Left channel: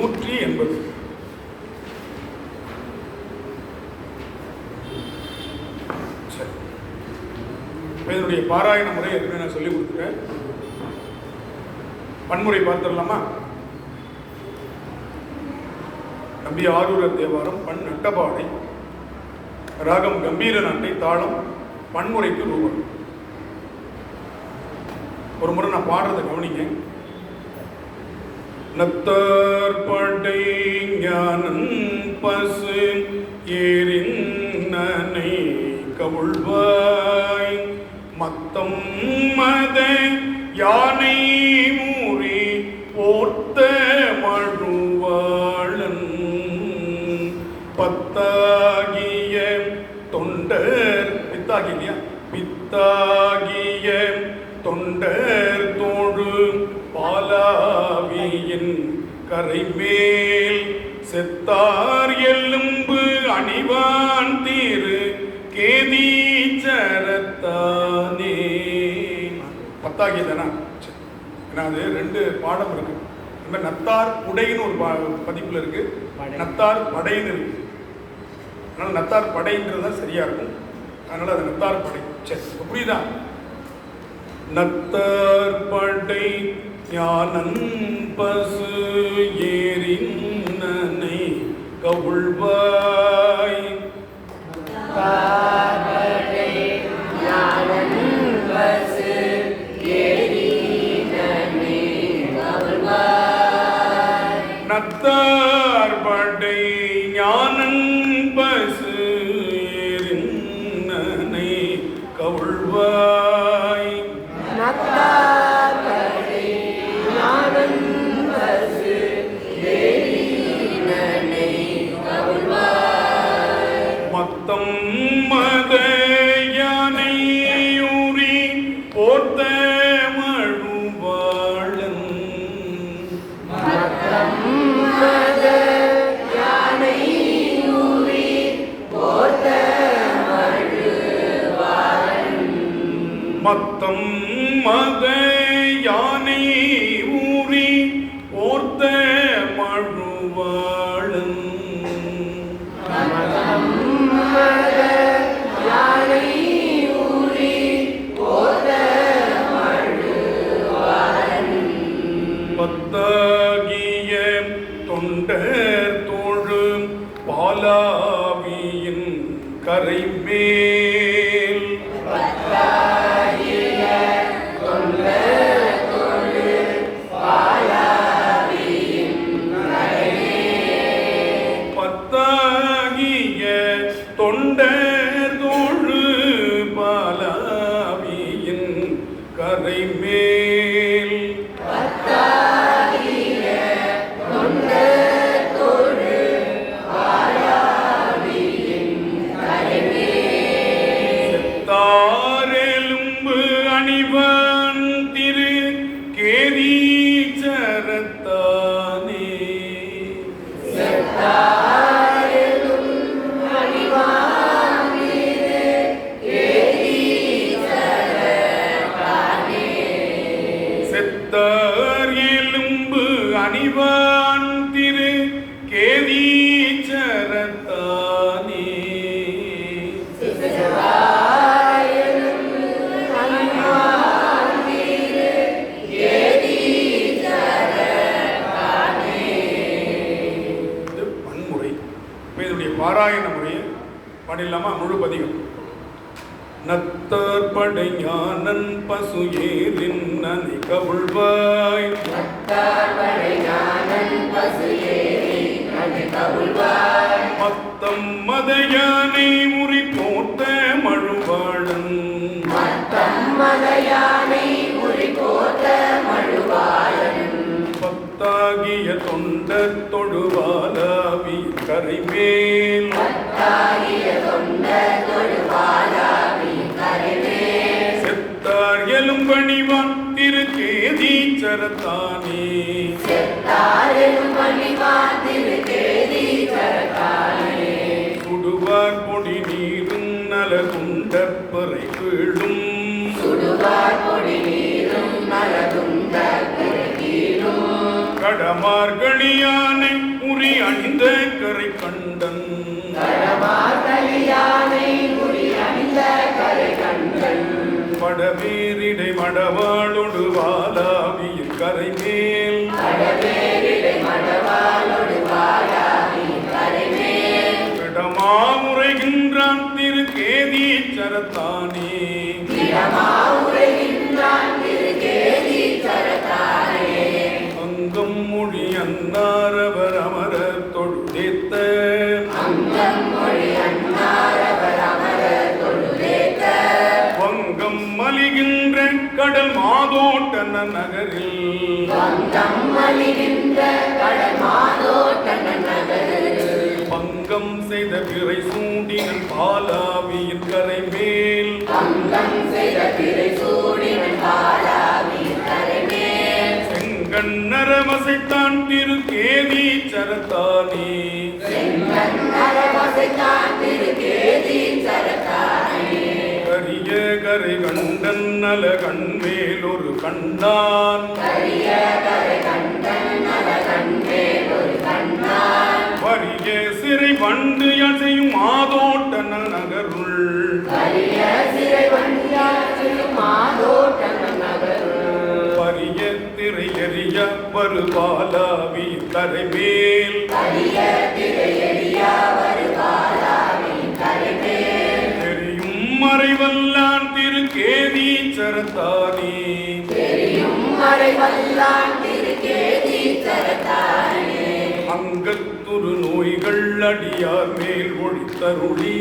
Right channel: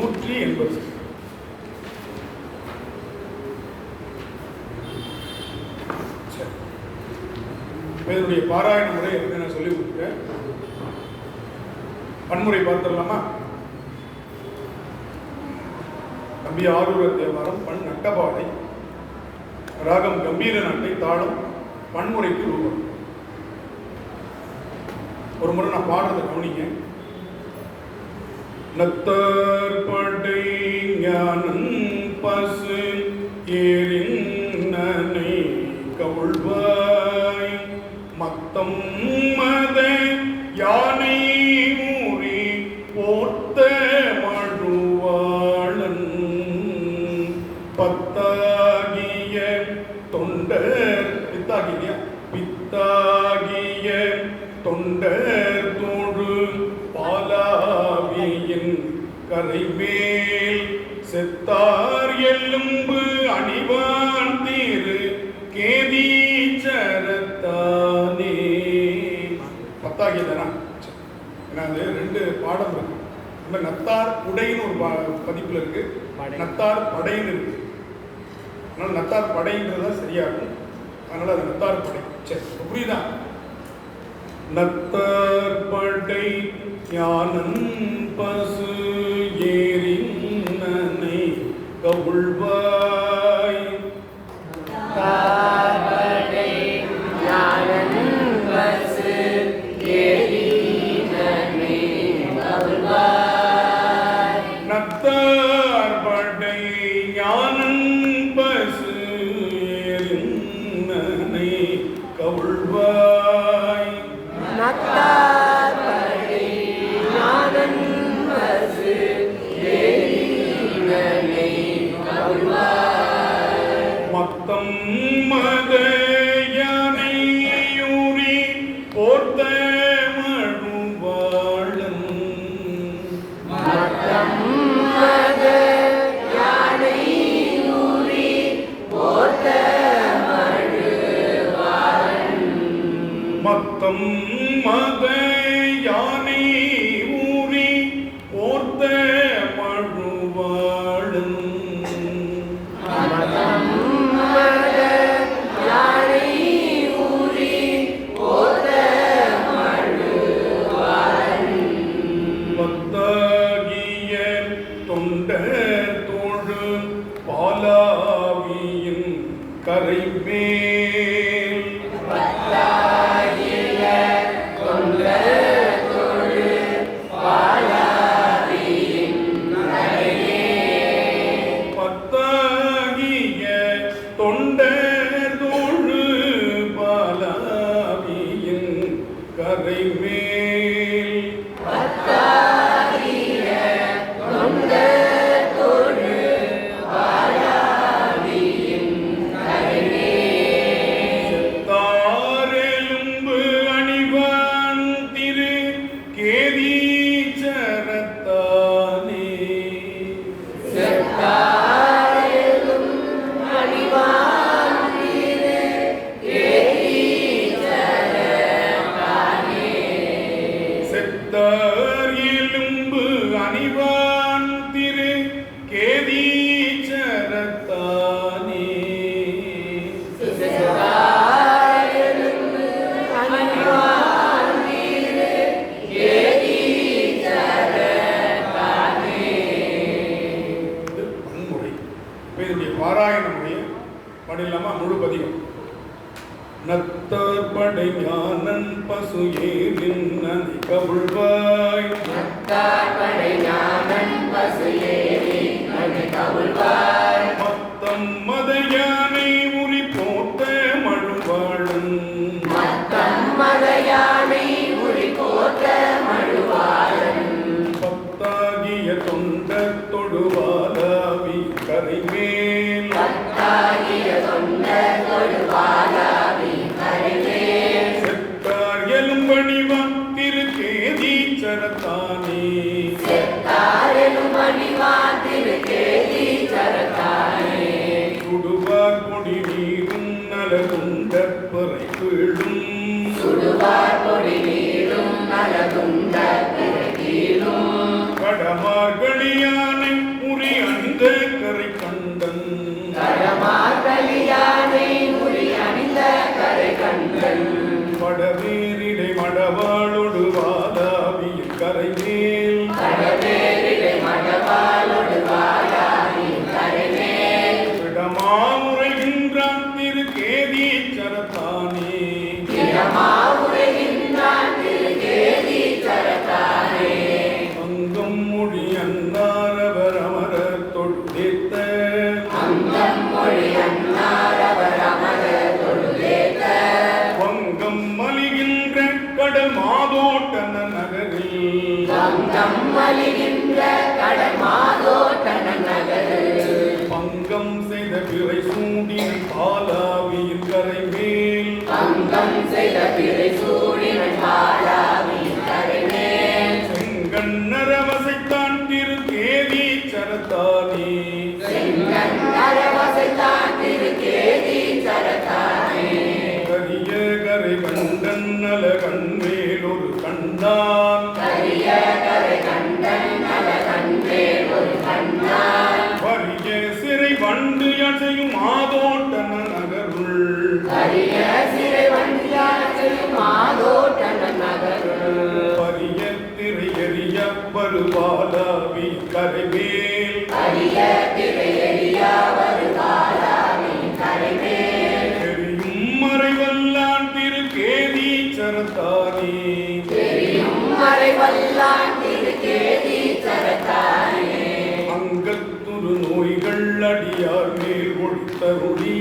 நூற்றி எண்பது. சரி. இதனுடைய பாராயண முறை ஏற்கனவே நான் சொல்லி கொடுத்துட்டேன். பன்முறை பார்த்துடலாமா? நம்பி ஆரூர தேவாரம் பண் நட்டபாடை ராகம் கம்பீர நாட்டை தாளம் பன்முறைக்கு ரூபம் ஒரு முறை நான் பாடுறதை கவனிக்கேன் நத்தர் ஞானம் பசு ஏறின்னனை கவுள்வாய் மத்தம் மத யானை மூறி போர்த்த மழுவாளன். பத்தாகிய தொண்டர் கரைமேல் செத்தார் எலும்பு அணிவான் தீரு கேதீச்சரத்தானே பத்தாகிய தானா. ஏன்னா அது ரெண்டு பாடம் இருக்கு. இந்த நத்தார் உடைன்னு ஒரு பதிப்புல இருக்கு. நத்தார் படைன்னு இருக்கு. அதனால நத்தார் படைன்றது தான் சரியா இருக்கும். அதனால அது நத்தார் படை. சரி புரியுதா? நத்தார் படை ஞானம் பசு அருள்வாய். மத்தம் பாடிடலாமா? முழு பதிகம். நத்தர் படை ஞானன் பசு ஏறின் நனை கவுள்வாய். நத்தார்படை ஞானன் பசு ஏறி நதி கவுள்வாய். மத்தம் மத யானை உரி போட்ட மழுவாழும் மத்தம் மதையானை செத்தார் திருக்கேதீச்சரத்தானே செத்தாரெனும் கேதீச்சரத்தானே மலிகின்ற கடமாதோட்டன நகரில் பங்கம் செய்த பிறை சூடின் பாலாவியின் கரை மேல் அங்கம் செய்த திரை சூடினன் பாலாவி கரைமேல். செங்கண்ணரவசைத்தான் திரு கேதீச்சரத்தானே செங்கன் அரவசைத்தான் திருகேதி சரத்தானே கரிய கரை கண்டன் நல கண்மேல் ஒரு கண்ணான். கரிய கரை கண்டன் வரு பாலாவி கரை மேல் கரிய திரை எரியா கரைமேல். தெரியும் மறைவல்லான் திரு கேதீச்சரத்தானே தெரியும் அங்கத்துரு நோய்கள் அடியார் மேல் ஒழித்தருளி.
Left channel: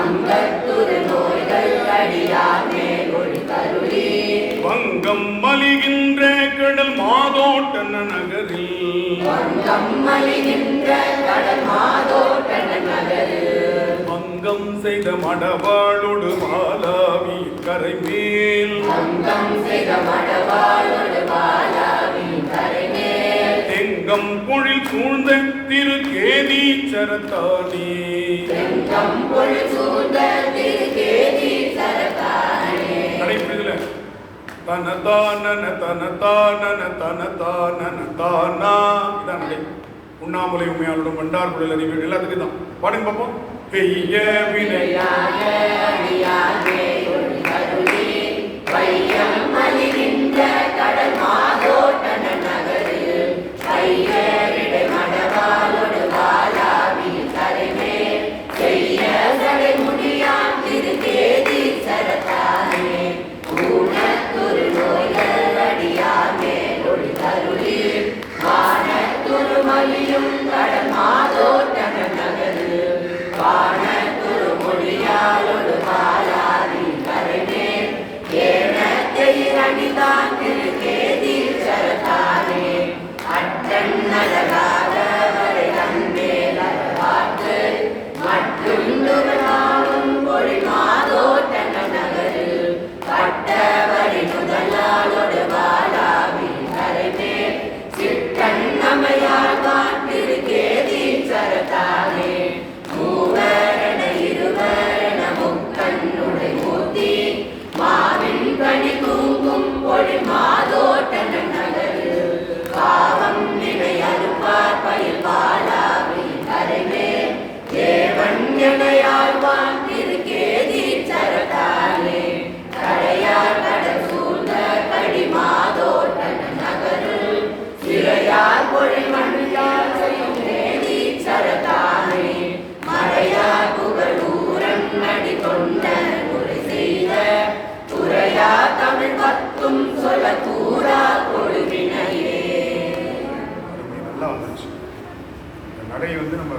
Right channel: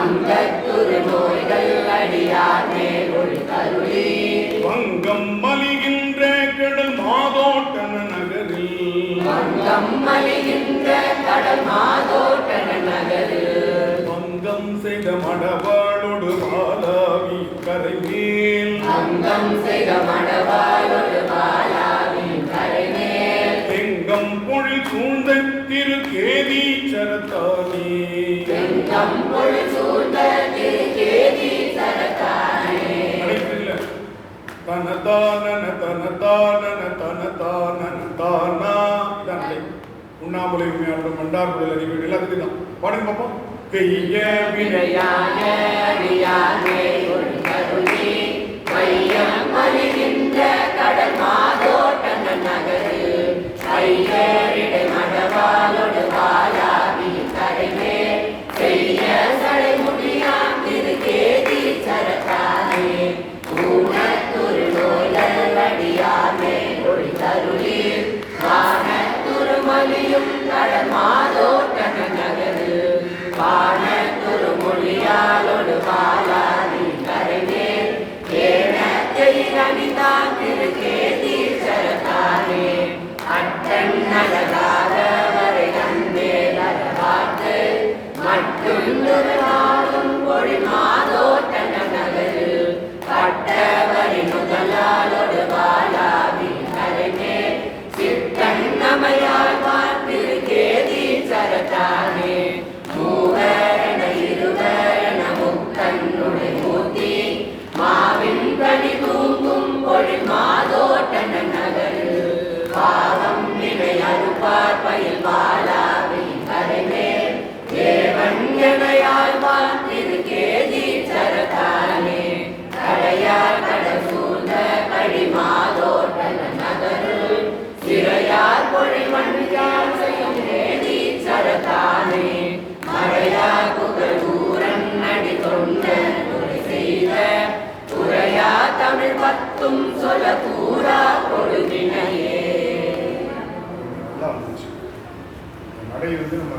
அங்கத்துரு நோய்கள் அடியார் மேல் ஒளி வங்கம் செய்த மடவாளொடு பாலாவி கரை மேல் அங்கம் செய்த மடவாளொடு பாலாவி கரைமேல். எங்கம் பொழில் சூழ்ந்த திரு கேதீச்சரத்தானே. செங்கம் பொழு சூழ்ந்த திருக்கேதி சரத்தானே நடைபெறல தனதானன தனதானன தனதானன தானா இதான் நடை உண்ணாமலை உண்மையாளரும் மண்டார் குடல் அறிவு எல்லாத்துக்கும் தான். பாடுங்க பார்ப்போம் பெய்ய வினை விளையாட ஒரு கருணி. வையம் மலிகின்ற கடல் மாதோட்டன நகரில் பத்தும் சொல தூரா கொடுவினையே நல்லா நடை வந்து நம்ம